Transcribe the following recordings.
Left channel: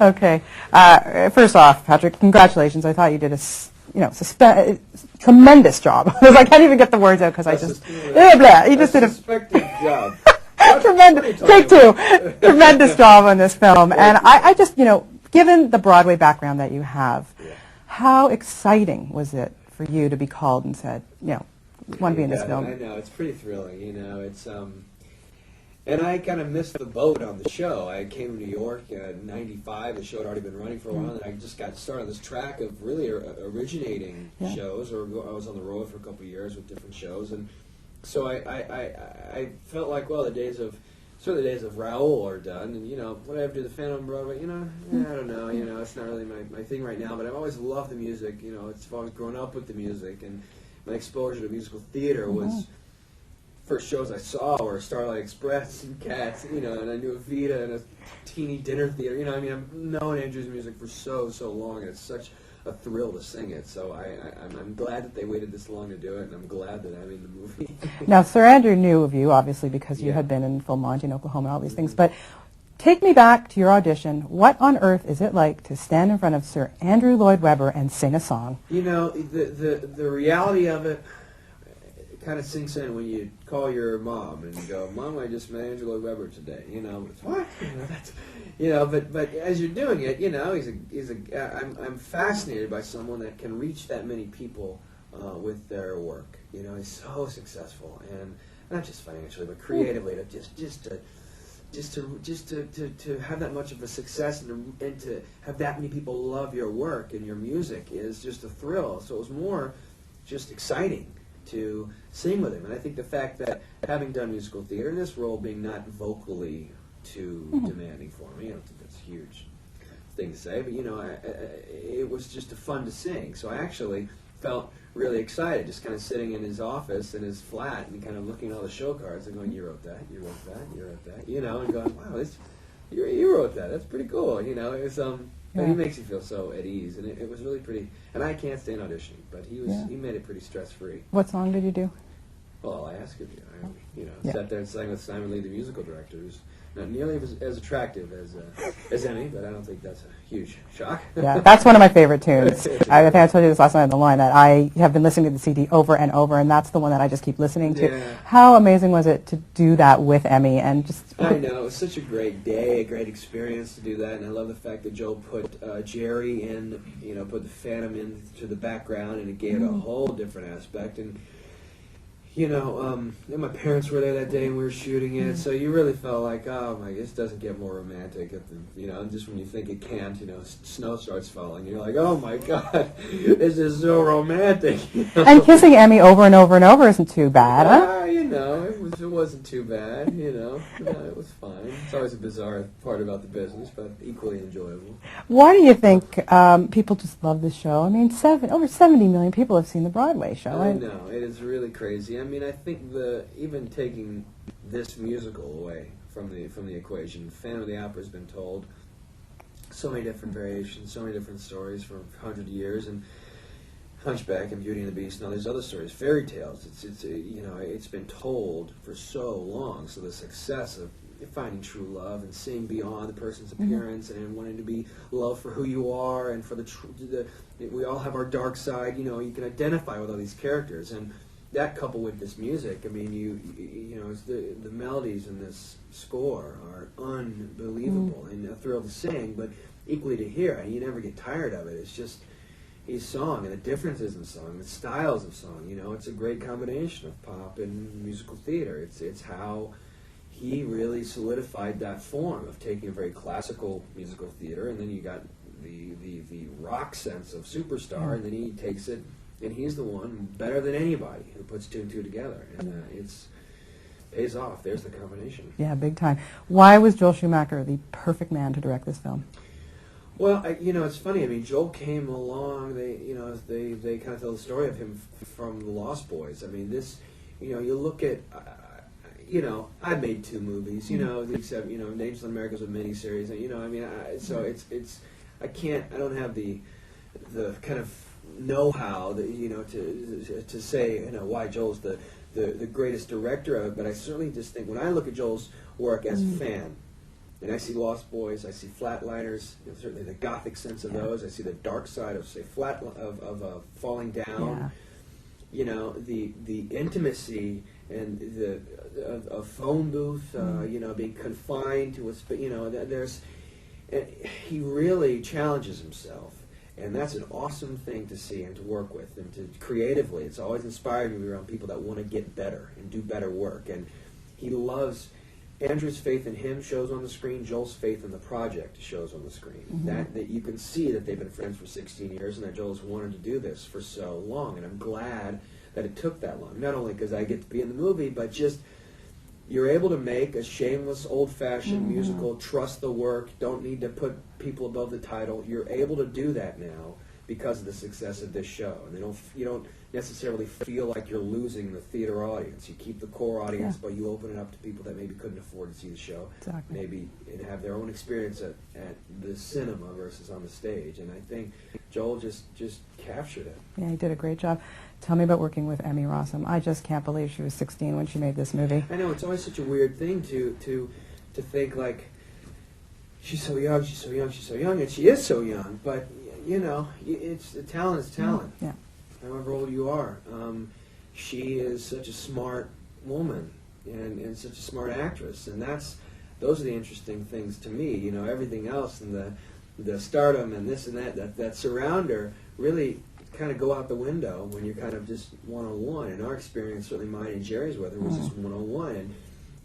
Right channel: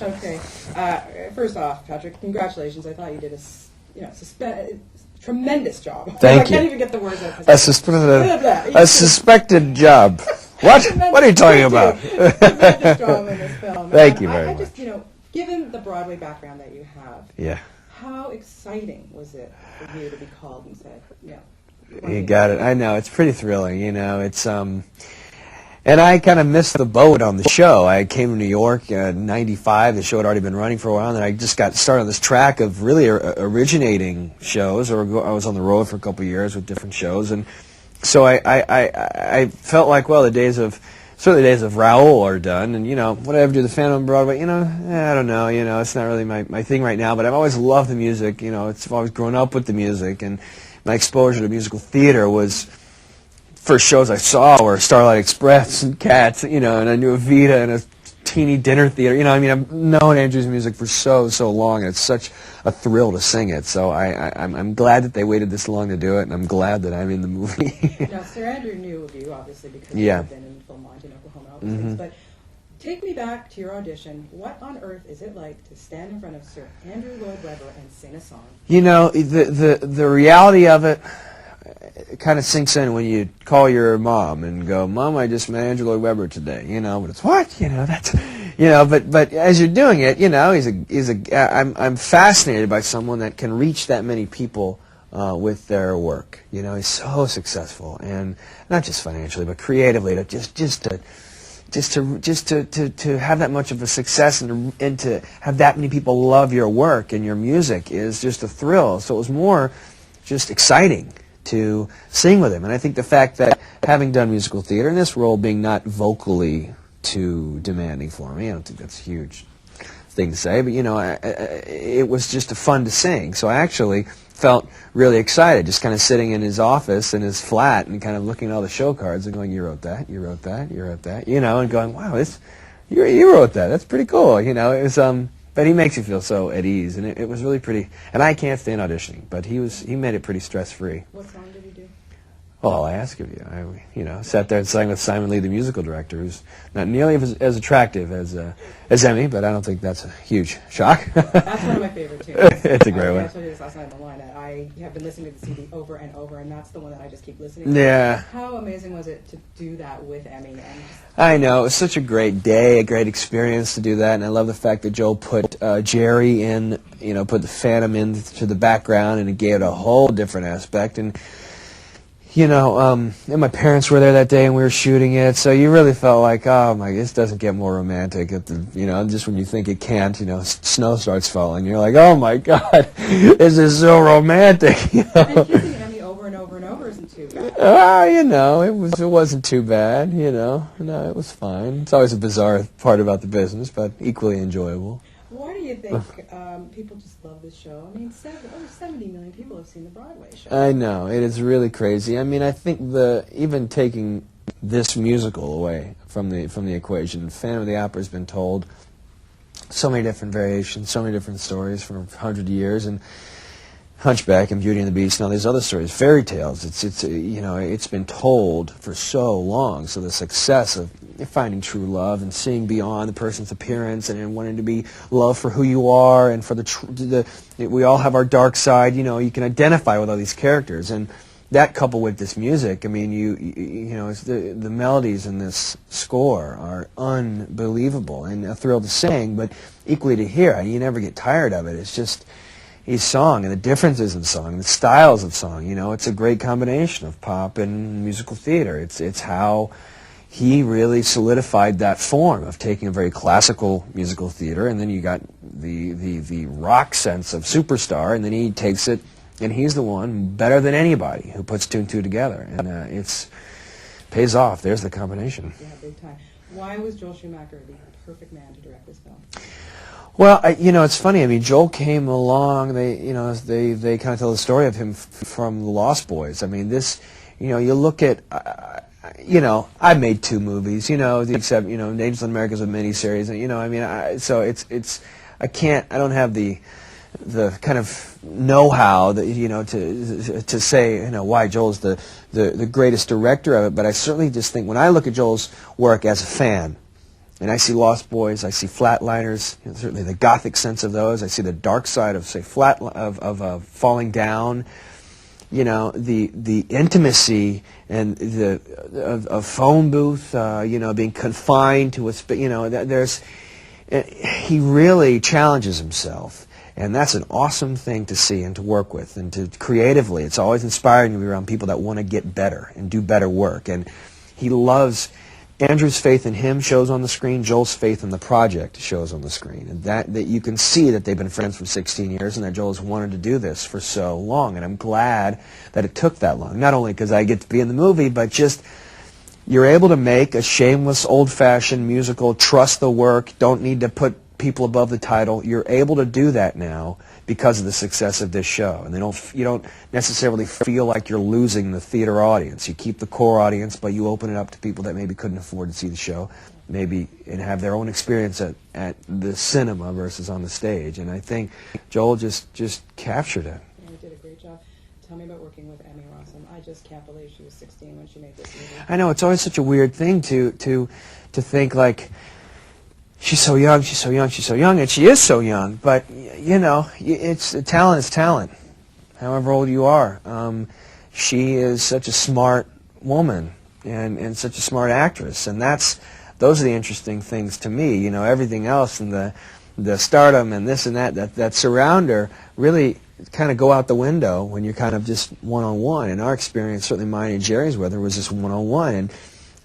Okay. First off, Patrick, congratulations. I thought you did tremendous job. I can't even get the words out because a suspected job. What are you talking about? Tremendous job on this film. Thank and you I just, given the Broadway background that you have, yeah. How exciting was it for you to be called and said, you got it. I know, it's pretty thrilling. It's and I kind of missed the boat on the show. I came to New York in '95. The show had already been running for a while, and I just got started on this track of really originating shows. I was on the road for a couple of years with different shows, and so I felt like, well, certainly the days of Raoul are done, and would I ever do the Phantom on Broadway? I don't know. It's not really my thing right now. But I've always loved the music. I've always grown up with the music, and my exposure to musical theater was first shows I saw were Starlight Express and Cats, and I knew Evita and a teeny dinner theater. I've known Andrew's music for so long, and it's such a thrill to sing it. So I'm glad that they waited this long to do it, and I'm glad that I'm in the movie. Now, Sir Andrew knew of you, obviously, because you had been in Full Monty in Oklahoma and all these things. But take me back to your audition. What on earth is it like to stand in front of Sir Andrew Lloyd Webber and sing a song? The reality of it kind of sinks in when you call your mom and go, "Mom, I just met Andrew Lloyd Webber today." But it's what? That's, but as you're doing it, I'm fascinated by someone that can reach that many people with their work. He's so successful, and not just financially, but creatively, to to have that much of a success and to have that many people love your work and your music is just a thrill. So it was more just exciting to sing with him. And I think the fact that having done musical theater and this role being not vocally too demanding for me, I don't think that's a huge thing to say, but it was just fun to sing. So I actually felt really excited, just kind of sitting in his office in his flat and kind of looking at all the show cards and going, "You wrote that, you wrote that, you wrote that," and going, "Wow, you wrote that. That's pretty cool." It was but he makes you feel so at ease, and it was really pretty. And I can't stand auditioning, but he made it pretty stress-free. What song did you do? Well, I ask of you. I sat there and sang with Simon Lee, the musical director, who's not nearly as attractive as Emmy, but I don't think that's a huge shock. Yeah, that's one of my favorite tunes. It's a I great one. told you this last night on the line that I have been listening to the CD over and over, and that's the one that I just keep listening to. Yeah. How amazing was it to do that with Emmy and just? I know, it was such a great day, a great experience to do that, and I love the fact that Joel put Jerry in, put the Phantom into the background, and it gave it a whole different aspect. And and my parents were there that day and we were shooting it, so you really felt like, oh my, this doesn't get more romantic. Just when you think it can't, snow starts falling. You're like, oh my God, this is so romantic. And kissing Emmy over and over and over isn't too bad. It wasn't too bad. No, it was fine. It's always a bizarre part about the business, but equally enjoyable. Why do you think people just love this show? I mean, over 70 million people have seen the Broadway show. I know, it is really crazy. I think even taking this musical away from the equation, Phantom of the Opera has been told so many different variations, so many different stories for 100 years, and Hunchback and Beauty and the Beast and all these other stories, fairy tales. It's been told for so long. So the success of finding true love and seeing beyond the person's appearance and wanting to be loved for who you are and for we all have our dark side. You can identify with all these characters, and that coupled with this music, it's the melodies in this score are unbelievable and a thrill to sing, but equally to hear. You never get tired of it. It's just his song and the differences in song, the styles of song. It's a great combination of pop and musical theater. It's how he really solidified that form of taking a very classical musical theater, and then you got the rock sense of Superstar, and then he takes it. And he's the one, better than anybody, who puts two and two together. And it pays off. There's the combination. Yeah, big time. Why was Joel Schumacher the perfect man to direct this film? Well, it's funny. Joel came along. They kind of tell the story of him from The Lost Boys. You look at, I made 2 movies, except, Angels in America is a miniseries. I don't have the kind of know-how that to say why Joel's the greatest director of it, but I certainly just think when I look at Joel's work as a fan, and I see Lost Boys, I see Flatliners, certainly the gothic sense of those. I see the dark side of, say, Falling Down. You know, the intimacy and of phone booth. You know, being confined to a you know, he really challenges himself, and that's an awesome thing to see and to work with and to creatively. It's always inspiring to be around people that want to get better and do better work, and he loves. Andrew's faith in him shows on the screen. Joel's faith in the project shows on the screen. And that you can see that they've been friends for 16 years and that Joel's wanted to do this for so long. And I'm glad that it took that long. Not only because I get to be in the movie, but just you're able to make a shameless, old-fashioned musical, trust the work, don't need to put people above the title. You're able to do that now because of the success of this show. And you don't necessarily feel like you're losing the theater audience. You keep the core audience, but you open it up to people that maybe couldn't afford to see the show, maybe and have their own experience at the cinema versus on the stage. And I think Joel just captured it. Yeah, he did a great job. Tell me about working with Emmy Rossum. I just can't believe she was 16 when she made this movie. I know, it's always such a weird thing to think like, she's so young, she's so young, she's so young, and she is so young. But you know, talent is talent. Yeah. However old you are, she is such a smart woman and such a smart actress, and those are the interesting things to me. You know, everything else and the stardom and this and that surround her really kind of go out the window when you're kind of just one-on-one. In our experience, certainly mine and Jerry's with her was just one-on-one, and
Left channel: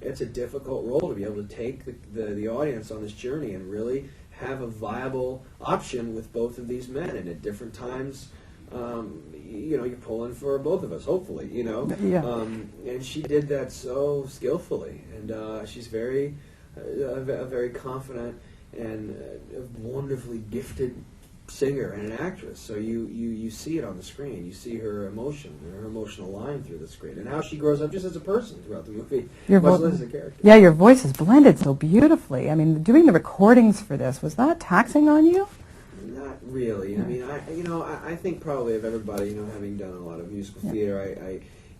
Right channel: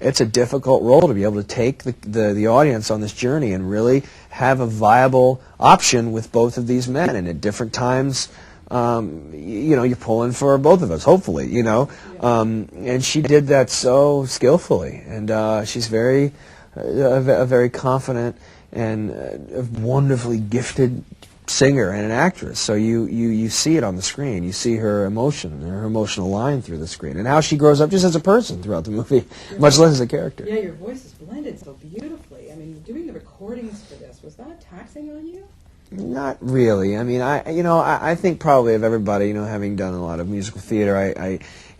it's a difficult role to be able to take the audience on this journey and really have a viable option with both of these men. And at different times, you know, you're pulling for both of us, hopefully, you know. Yeah. And she did that so skillfully. And she's a very confident and a wonderfully gifted singer and an actress. So you see it on the screen. You see her emotion and her emotional line through the screen, and how she grows up just as a person throughout the movie, much less as a character. Yeah, your voice is blended so beautifully. I mean, doing the recordings for this, was that taxing on you? Not really. I mean, I think probably of everybody, you know, having done a lot of musical theater,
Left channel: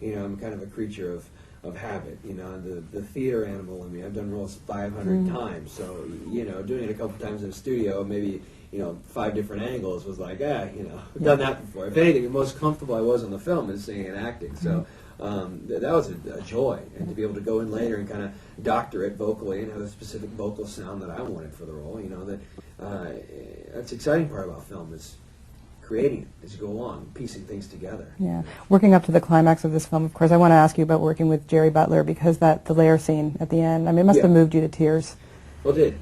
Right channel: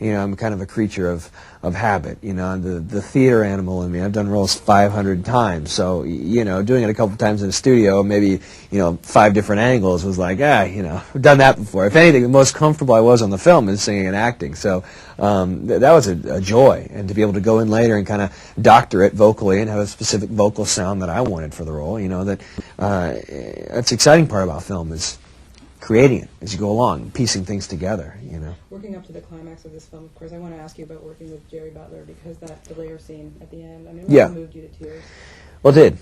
I'm kind of a creature of habit, you know, the theater animal in me. I've done roles 500 times, so, you know, doing it a couple times in a studio, maybe, you know, 5 different angles was like, you know, I've done that before. If anything, the most comfortable I was on the film is singing and acting, so that was a joy, and to be able to go in later and kind of doctor it vocally and have a specific vocal sound that I wanted for the role, you know, that's the exciting part about film is creating it as you go along, piecing things together. Yeah. You know. Working up to the climax of this film, of course, I want to ask you about working with Jerry Butler, because the lair scene at the end, I mean, it must have moved you to tears. Well, it did.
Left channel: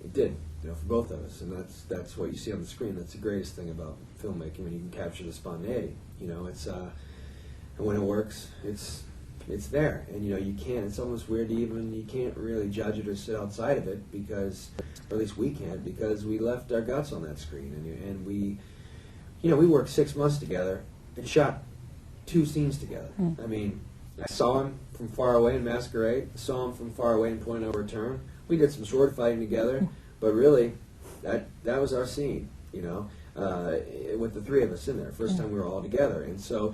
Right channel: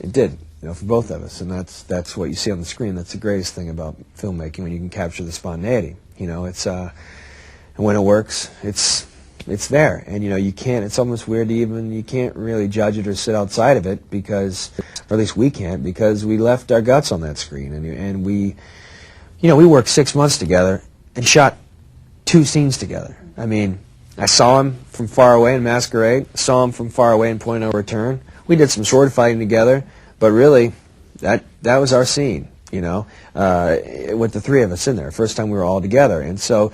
It did, you know, for both of us, and that's what you see on the screen. That's the greatest thing about filmmaking, when you can capture the spontaneity. You know, it's and when it works, it's there, and you know, you can't. It's almost weird to you can't really judge it or sit outside of it, because, or at least we can't, because we left our guts on that screen, and we. You know, we worked 6 months together and shot 2 scenes together. I mean, I saw him from far away in Masquerade, saw him from far away in Point of No Return. We did some sword fighting together, but really, that was our scene, you know, with the 3 of us in there, first time we were all together. And so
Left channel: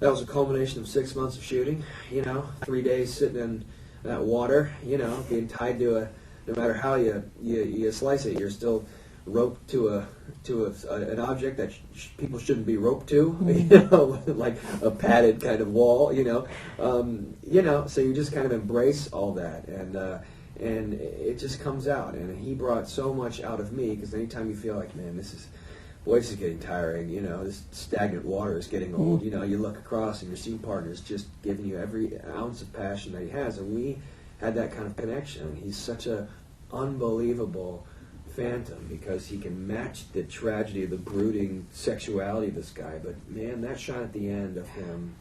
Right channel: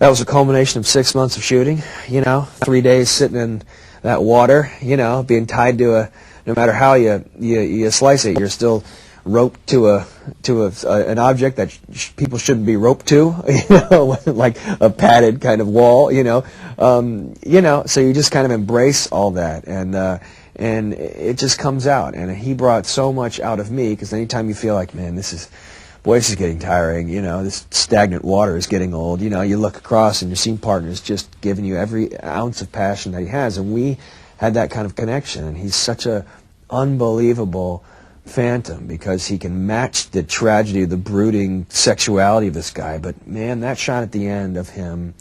that was a culmination of 6 months of shooting, you know, 3 days sitting in that water, you know, being tied to no matter how you slice it, you're still roped to an object that people shouldn't be roped to, you know, like a padded kind of wall, you know, so you just kind of embrace all that, and it just comes out. And he brought so much out of me, because anytime you feel like, man, this is getting tiring, you know, this stagnant water is getting old, you know, you look across and your scene partner is just giving you every ounce of passion that he has, and we had that kind of connection. And he's such a unbelievable phantom, because he can match the tragedy, the brooding sexuality of this guy. But man, that shot at the end of him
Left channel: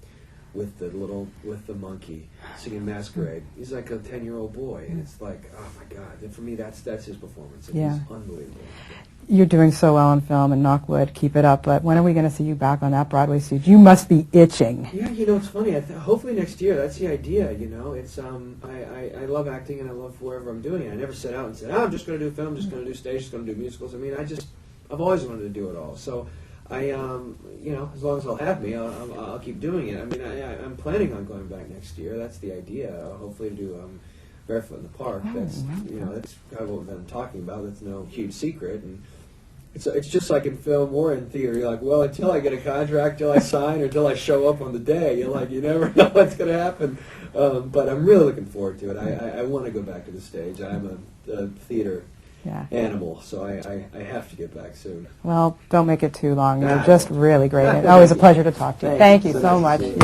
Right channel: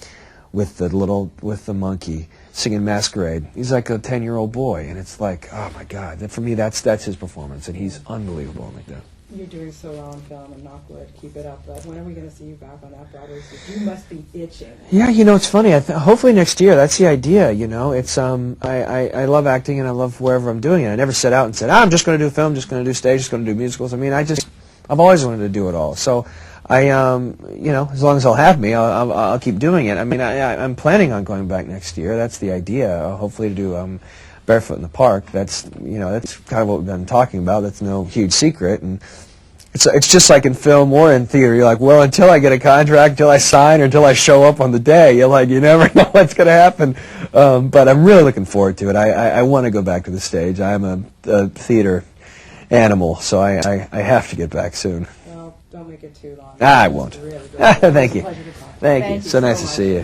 with the monkey singing Masquerade, he's like a 10-year-old boy, and it's like, oh my God, for me that's his performance, and he's unbelievable. You're doing so well in film, and knock wood, keep it up, but when are we going to see you back on that Broadway stage? You must be itching. Yeah, you know, it's funny. Hopefully next year. That's the idea, you know. It's I love acting, and I love wherever I'm doing it. I never set out and said, I'm just going to do film, just going to do stage, just going to do musicals. I mean, I've always wanted to do it all. So you know, as long as they'll have me, I'll keep doing it. I mean, I'm planning on going back next year. That's the idea. Hopefully to do Barefoot in the Park. That's, you know, that's kind of what we've been talking about. That's no huge secret. And it's just like in film or in theater. You're like, well, until I get a contract, until I sign, or until I show up on the day, you're like, you never know what's going to happen. But I'm really looking forward to it. I want to go back to the stage. I'm a theater animal, so I have to get back soon. Well, don't make it too long. I You're just won't. really great. It's always a pleasure to talk to you. Thank you. You So so nice much. to see you.